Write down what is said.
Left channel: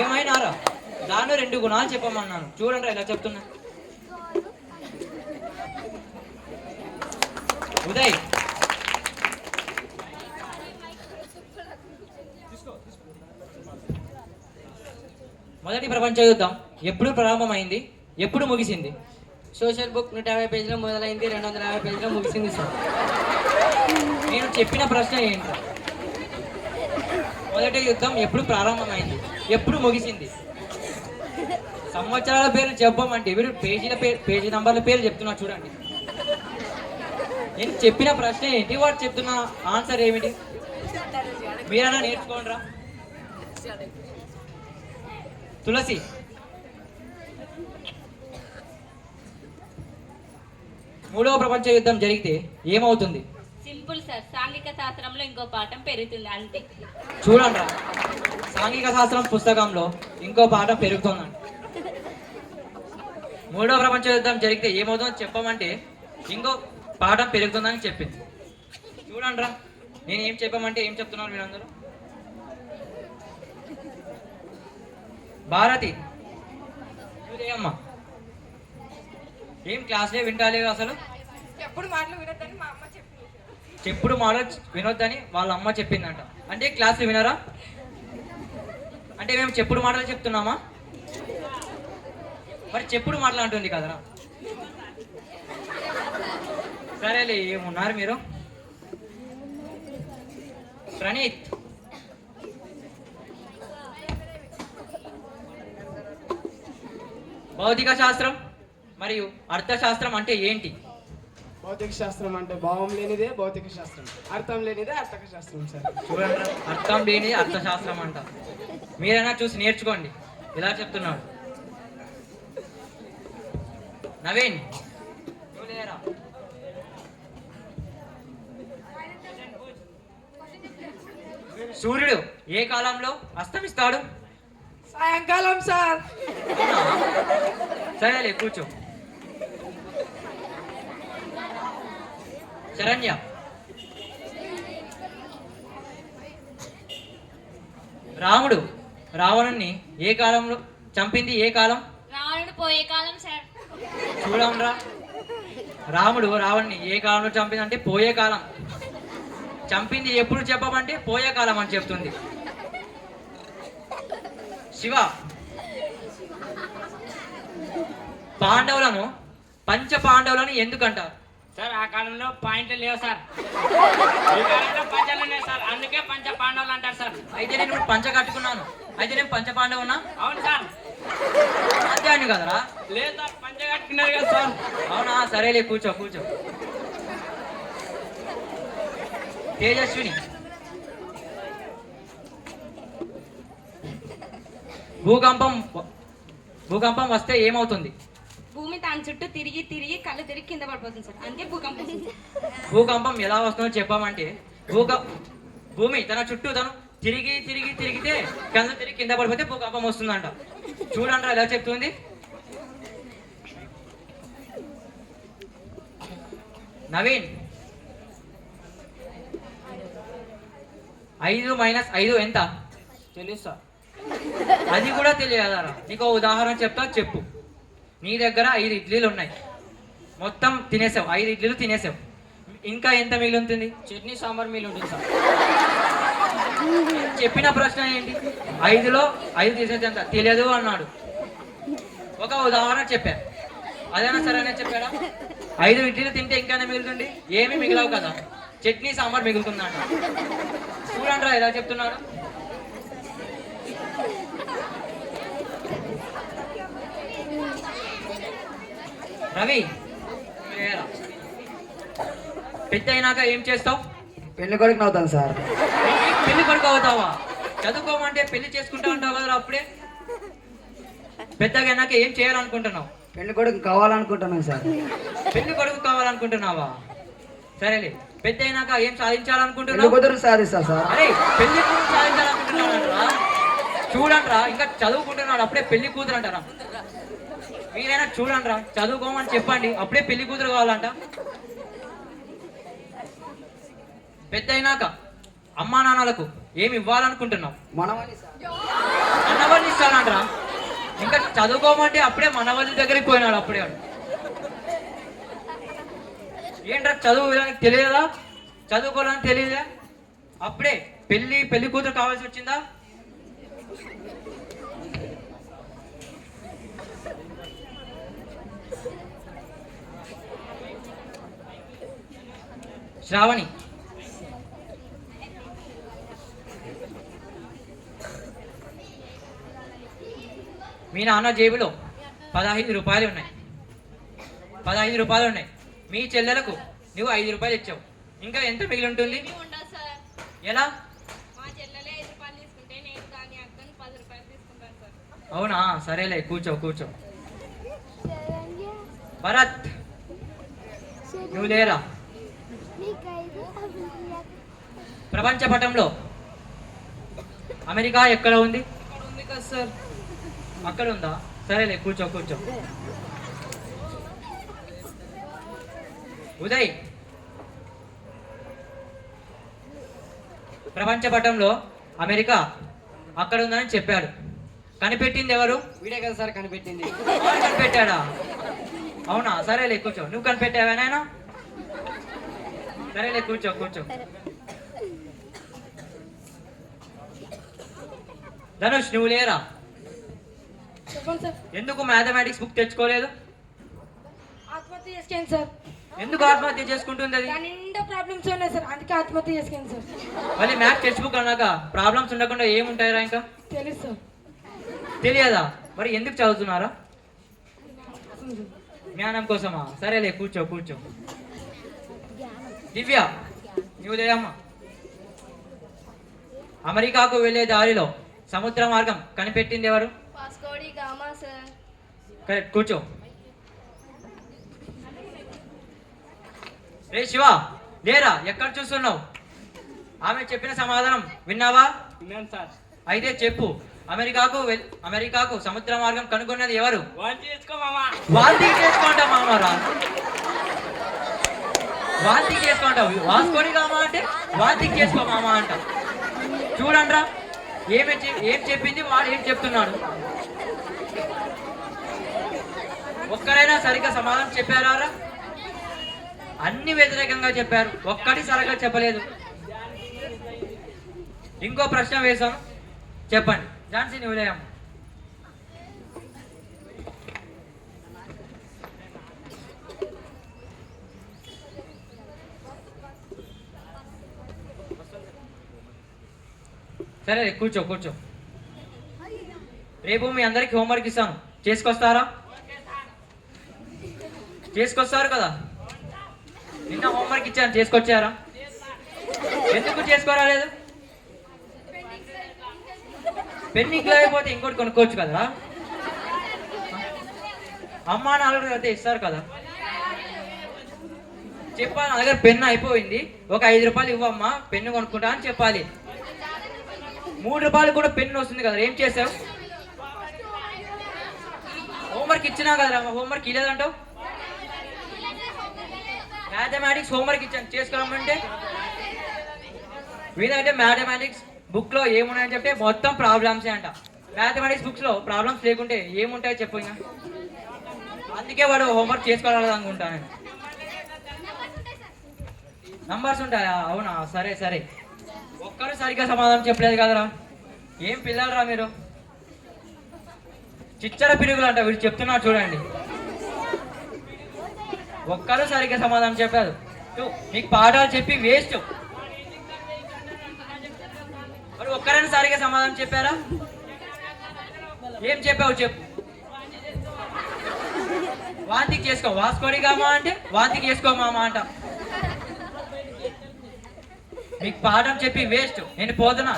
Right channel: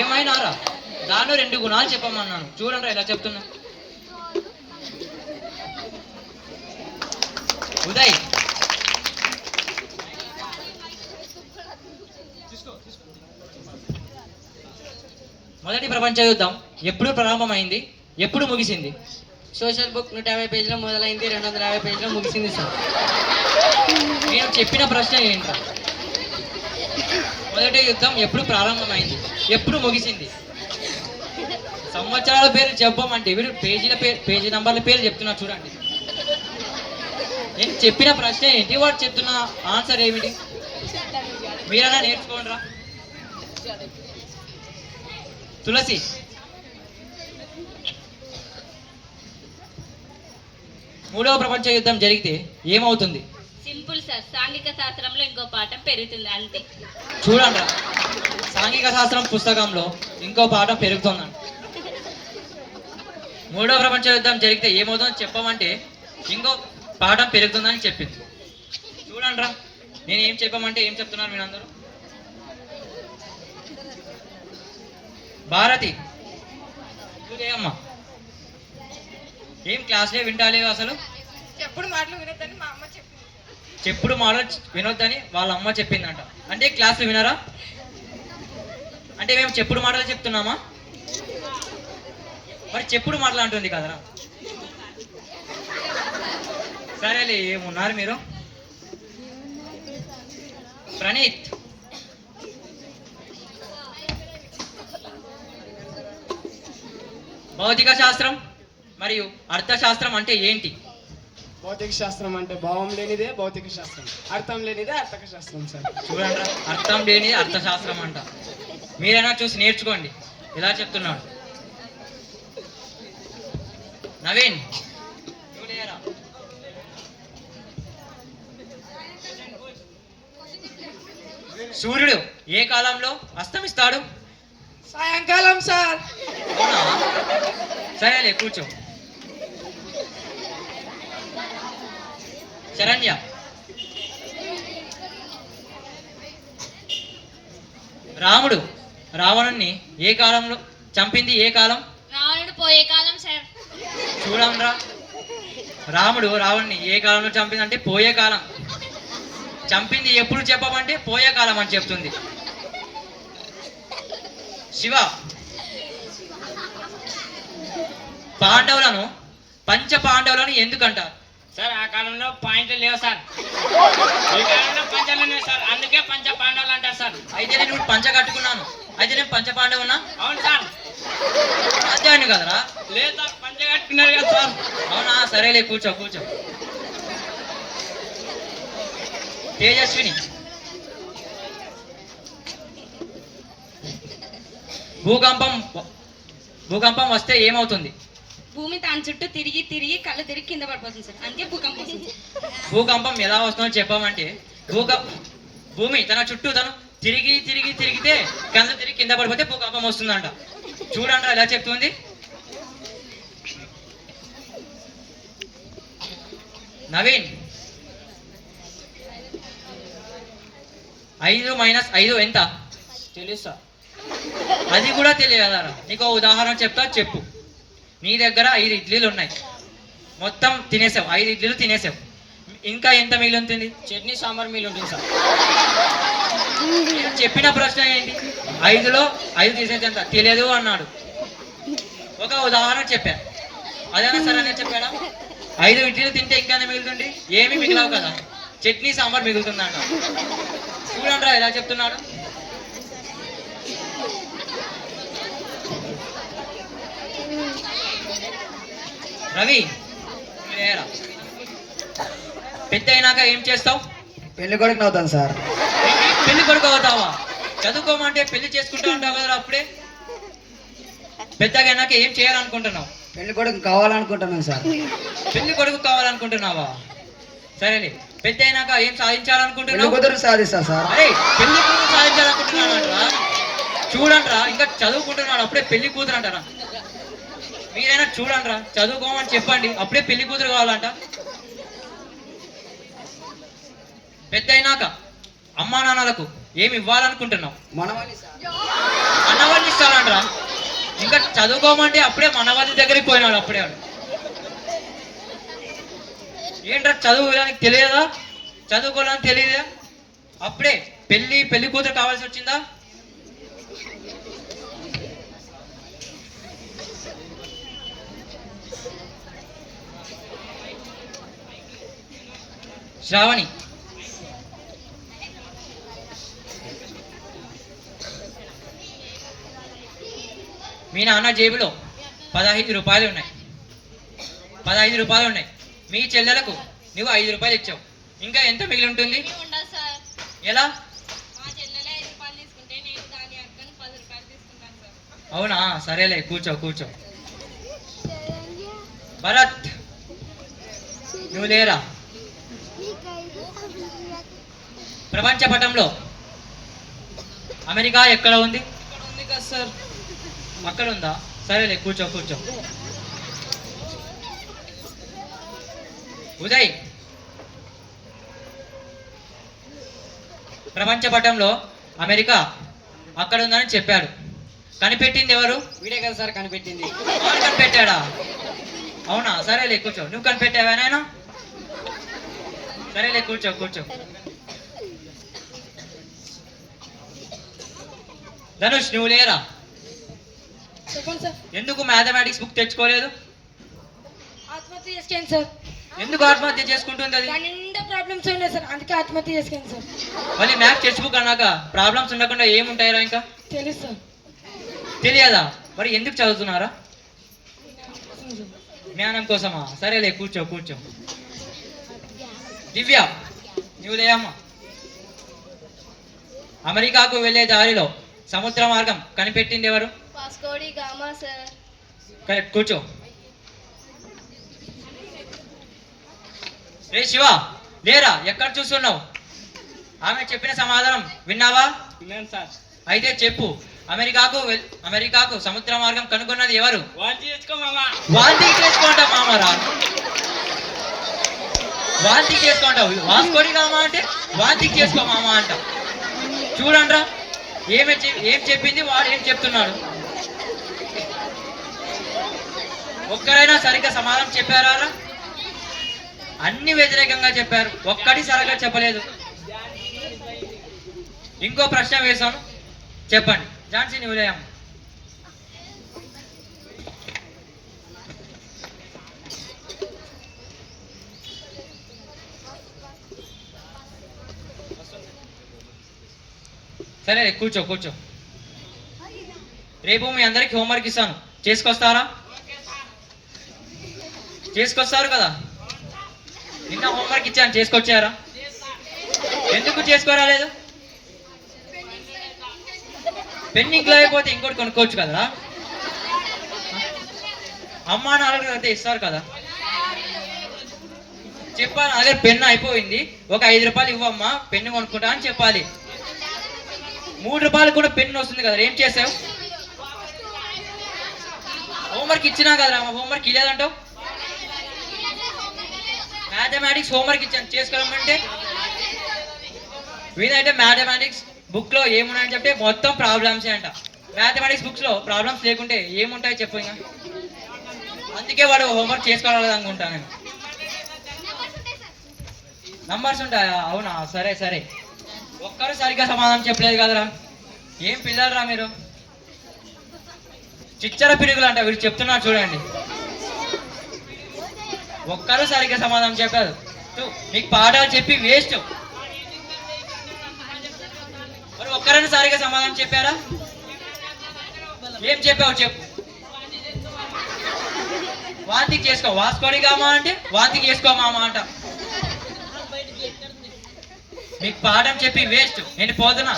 ఏమైనారా దానిలో 2 గుణాలు చెప్పమన్నాను. చూడండి ఎలా చెప్తున్నా. ఉదయ్, మొదటి ప్రపంచ యుద్ధం ఎప్పుడు ప్రారంభమైంది, ఎప్పుడు ముగిసింది? సోషల్ బుక్ 150 పేజీలో మొదలైంది, 250 పేజీలో ముగిసింది సార్. నేను చెప్పిన ప్రశ్న ఏంట్రా? మొదటి యుద్ధం ఎప్పుడు ప్రారంభమైంది, ఎప్పుడు ముగిసింది? సంవత్సరాల పేరు చెప్పమంటే వీరు పేజీ నంబర్ల పేరు చెప్తున్నా చూడండి. నేను చెప్పిన ప్రశ్న ఏంటి, వాడు చెప్తున్న ఆన్సర్ ఏమిటి? మీరైనా నేర్చుకోండిరా. తులసి, మూడవ ప్రపంచ యుద్ధం జరిగితే ఏమవుతుంది? సింపుల్ సార్, సాంఘిక శాస్త్రంలో ఇంకో పాఠం పెరుగుతుంది అంతే. చూడండి, సాంఘిక శాస్త్రం పుస్తకంలో ఇంకో పాఠం పెరుగుతుందండి. మూడవ ప్రపంచ యుద్ధం జరిగితే ఏమవుతుందో చెప్పమంటే ఇంకో పాఠం పెరుగుతుందని చెప్పింది. చూడండి, నేను ఏం చెప్పమంటే ఏం చెప్తున్నారు మీరందరూ? భారతి, అమ్మ ఏం క్లాస్లే వింటాలేవు అసలు? చెప్పుడు మాటలు వినొద్దని మా అమ్మ చెప్పింది. చెప్పుడు మాటలు వినొద్దని వాళ్ళ అమ్మ చెప్పిందంట. అంటే క్లాసులు వినరా? అంటే మేము చెప్పుడు మాటలు చెప్తున్నామా? మరి చెప్పుడు మాటలు అంటుంది కదరా. సరేలే, ఏమున్నారు మీరు? ప్రణీత్, భౌతిక శాస్త్రం మరియు అర్థశాస్త్రం అంటే ఏంటి? భౌతిక శాస్త్రం అంటే భావం లేనిదే భౌతిక శాస్త్రం, అర్థం లేనిదే అర్థక శాస్త్రం సార్. చూడండి, అర్థం లేనిదే అర్థశాస్త్రం అంట. మీరైనా చూసి నేర్చుకోండి ఇలా చెప్తున్నాడు. నవీన్, సూర్యుడు ఏ కాలంలో అస్తమిస్తాడు? సాయంకాలం సార్. సరేలే, కూర్చో. శరణ్య, రాముడు రావణుణ్ణి ఏ కాలంలో చంపింది? ఏ కాలం? రావణుడు పోయే కాలం సార్. చూడంరా, రాముడు రావణ్ణి ఏ కాలంలో చంపిందంటే పోయే కాలం. చంపింది ఎప్పుడు చెప్పమంటే పోయే కాలం అని చెప్తుంది. శివ, పాండవులను పంచ పాండవులను ఎందుకంటారు? సార్ ఆ కాలంలో పాయింట్లు లేవు సార్, ఈ కాలంలో పంచలు లేవు సార్, అందుకే పంచ పాండవులు అంటారు సార్. అయితే నేను ఇప్పుడు పంచ కట్టుకున్నాను, అయితే నేను పంచ పాండవున్నా? అవును సార్. అధ్యాయుని కదరా? లేదు సార్, పంచ కట్టుకున్నారు కదా సార్. అవునా? సరేలే, కూర్చో కూర్చో. తేజస్విని, భూకంపం వస్తే ఏమవుతుంది? భూమి దాని చుట్టూ తిరిగి తిరిగి కళ్ళు తిరిగి కింద పడిపోతుంది సార్, అందుకే భూకంపం. భూకంపం ఎలా వస్తుందో చెప్పమంటే భూమి తన చుట్టూ తను తిరిగి తిరిగి తిరిగితే కళ్ళు తిరిగి కింద పడిపోతే భూకంపం వస్తుందంట. చూడండి ఎలా చెప్తుంది. నవీన్, 5 - 5 ఎంత? తెలుసు సార్. అది కూడా తెలియదారా? నీకు ఉదాహరణ చెప్తా, చెప్పు. నీ దగ్గర 5 ఇడ్లీలు ఉన్నాయి, మొత్తం తినేసావు, 5 ఇడ్లీలు తినేసావు. ఇంకా ఎంత మిగిలి ఉంటుంది? చట్నీ సాంబార్ మిగిలి ఉంటుంది సార్. చెప్పిన ప్రశ్న ఏంటి? 5లో 5 తీసేది ఎంత? తెలియదు అన్నాడు. ఒక ఉదాహరణ చెప్పాను, అదేనా సరే నేను చెప్పాడా? 5 ఇడ్లీలు తింటే ఇంకా మిగులుతుంది? ఏమి మిగిలవు కదా, చట్నీ సాంబార్ మిగులుతుందంట. చూడండి ఎలా చెప్తున్నాడు. రవి, పెద్ద అయినాక ఏం చేస్తావు? పెళ్లి కొడుకు అవుతాను సార్. పెళ్లి కొడుకు అవుతావా? చదువుకోమంటే పెళ్లి చేసుకుంటా ఉంటావు కదా అప్పుడే. పెద్దగా అయినాక ఏం చేయాలనుకుంటున్నావు? పెళ్లి కొడుకు కావాలనుకుంటున్నాను సార్. పెళ్లి కొడుకు కావాలనుకుంటున్నావా? సరేలే, పెద్ద అయినాక ఏం పెళ్లి సాధించాలనుకుంటున్నావు? కూతురు సాధిస్తా సార్. అరే, పెళ్లి కూతురు సాధించాలనుకుంటున్నాడంటరా. చూడండిరా, ఇంకా చదువుకుంటున్నాడు అప్పుడే పెళ్లి కూతురు అంటారా? మీరైనా చూడండిరా, చదువుకోమని చెప్పండి, అప్పుడే పెళ్లి కూతురు కావాలంట. పెద్ద అయినాక అమ్మా నాన్నలకు ఏమి ఇవ్వాలనుకుంటున్నావు? మనమని సార్. మనవల్ని ఇస్తానంట్రా. ఇంకా చదువుకోమంటే అప్పుడే మనవల్లి దగ్గరికి పోయినాడు అప్పుడే వాడు. ఏంట్రా చదువు విధానికి తెలియదా? చదువుకోవాలని తెలియదా? అప్పుడే పెళ్లి కూతురు కావాల్సి వచ్చిందా? శ్రావణి, మీ నాన్న జేబులో 15 రూపాయలు ఉన్నాయి. 15 రూపాయలు ఉన్నాయి. మీ చెల్లెలకు నువ్వు 5 రూపాయలు ఇచ్చావు. ఇంకా ఎంత మిగిలి ఉంటుంది? ఉండదు సార్. ఎలా? మా చెల్లెలే 5 రూపాయలు తీసుకుంటే నేను దాని అక్కని 10 రూపాయలు తీసుకుంటాను సార్. అవునా, సరేలే, కూర్చో. భరత్, నువ్వు లేరా? ప్రపంచ పటంలో అమెరికా ఎక్కడ ఉంది? ఉంది కదా సార్. అక్కడ ఉందా? సరేలే, కూర్చో. ఉదయ్, ప్రపంచ పటంలో అమెరికా అక్కడ ఉందని చెప్పాడు. కనిపెట్టింది ఎవరు? వీడే కదా సార్ కనిపెట్టింది. వాడు కనిపెట్టాడా? అవునా, సరేలే, కూర్చో. నువ్వు కనిపెట్టావా నాయనా? సరేలే, కూర్చో. ధనుష్, నువ్వు లేరా? చెప్పండి సార్. ఎందుకు మ్యాథమెటిక్స్ బుక్ తెచ్చుకోలేదు? ఆత్మహత్య చేసుకోండి సార్. ఎందుకు ఆత్మహత్య చేసుకుంటుంది అది? దాని నిండా ప్రాబ్లమ్స్ ఉన్నాయి సార్, అందుకే ఆత్మహత్య చేసుకోండి సార్. మళ్ళీ మ్యాథ్స్ టెక్స్ట్ బుక్ అన్నాక ప్రాబ్లమ్స్ ఉండకుండా ఏముంటాయిరా ఇంకా? తెలుసు సార్. తెలియదా? మరి ఎందుకు చదువుతున్నారా? జ్ఞానం కోసమా? సరేలే, కూర్చో. దివ్య, నువ్వు లేయమ్మా. అమెరికాకు వెళ్ళే దారిలో సముద్ర మార్గం కనిపెట్టింది ఎవరు? Vasco da Gama sir. కరెక్ట్, కూర్చో. రే శివ, లేరా? ఎక్కడ చూస్తున్నావు? ఆమె చెప్పిన సమాధానం విన్నావా? విన్నాను సార్. అయితే చెప్పు, అమెరికాకు సముద్ర మార్గం కనుగొన్నది ఎవరు? వాంతి చేసుకో మామా. వాంతి చేసుకుంటా మామరా. వాంతి చేసుకుంటావు. వాస్కోడి గామా అంటే వాంతి చేసుకో మామ అంట. చూడండ్రా, ఏం చెప్పింది, వాడు ఏం చెప్తున్నాడు. ఒక్కరైనా సరిగ్గా సమాధానం చెప్పారా? అన్ని వ్యతిరేకంగా చెప్పారు, ఒక్కటి సరిగ్గా చెప్పలేదు. ఇంకో ప్రశ్న వేశాను, చెప్పండి. ఝాన్సీ, నువ్వు లేయమ్మ. సరే, కూర్చో. రేపు మీ అందరికి హోంవర్క్ ఇస్తాను, చేసుకొస్తారా? చేసుకొస్తారు కదా? నిన్న హోంవర్క్ ఇచ్చాను, చేసుకొచ్చారా? ఎందుకు చేసుకోరాలేదు? పెన్నింగ్ లేకపోతే ఇంకోటి కొనుక్కోవచ్చు కదా. అమ్మా నాలుగు అయితే ఇస్తారు కదా. చెప్పాలి, నా దగ్గర పెన్ను అయిపోయింది, ఒక 5 రూపాయలు ఇవ్వమ్మా, పెన్ను కొనుక్కుంటా అని చెప్పాలి. 3 రూపాయలు కూడా పెన్ను వస్తుంది కదా. ఏం చేసావు? హోంవర్క్ ఇచ్చినా కదా. హోంవర్క్ ఇలేదంటావు. మ్యాథమెటిక్స్ హోంవర్క్ ఇచ్చాను, చేసుకోమంటే వీలైతే మ్యాథమెటిక్స్ బుక్ లో ఏమున్నాయని చెప్తే మొత్తం ప్రాబ్లమ్సే అంట. మ్యాథమెటిక్స్ బుక్స్ లో ప్రాబ్లమ్స్ లేకుంటే ఏముంటాయి చెప్పు. ఇంకా అందుకే వాడు హోంవర్క్ చేసుకోవాలి అనుకుంటా నేను. నంబర్స్ ఉంటాయా? అవునా, సరే. ఒక్కరు సరిగ్గా సమాధానం చెప్పలేదు కదరా. ఏం పిల్లలరా మీరు? చిచ్చర పిరుగులు అంట వీడు చెప్తున్నా చూడండి. ఒక్కరు సరిగ్గా సమాధానం చెప్పారు. నీకు పాఠాలు చెప్పి వేస్ట్. మరి ఒక్కరైనా సరిగ్గా సమాధానం చెప్పారా? ఏం చెప్పావు చెప్పు. వాంతికి చేసుకో. వాస్కోడి గామా అంటే వాంతికి చేసుకో మామ అంట. మీకు పాఠం చెప్పి వేస్ట్. నేను పోతున్నా.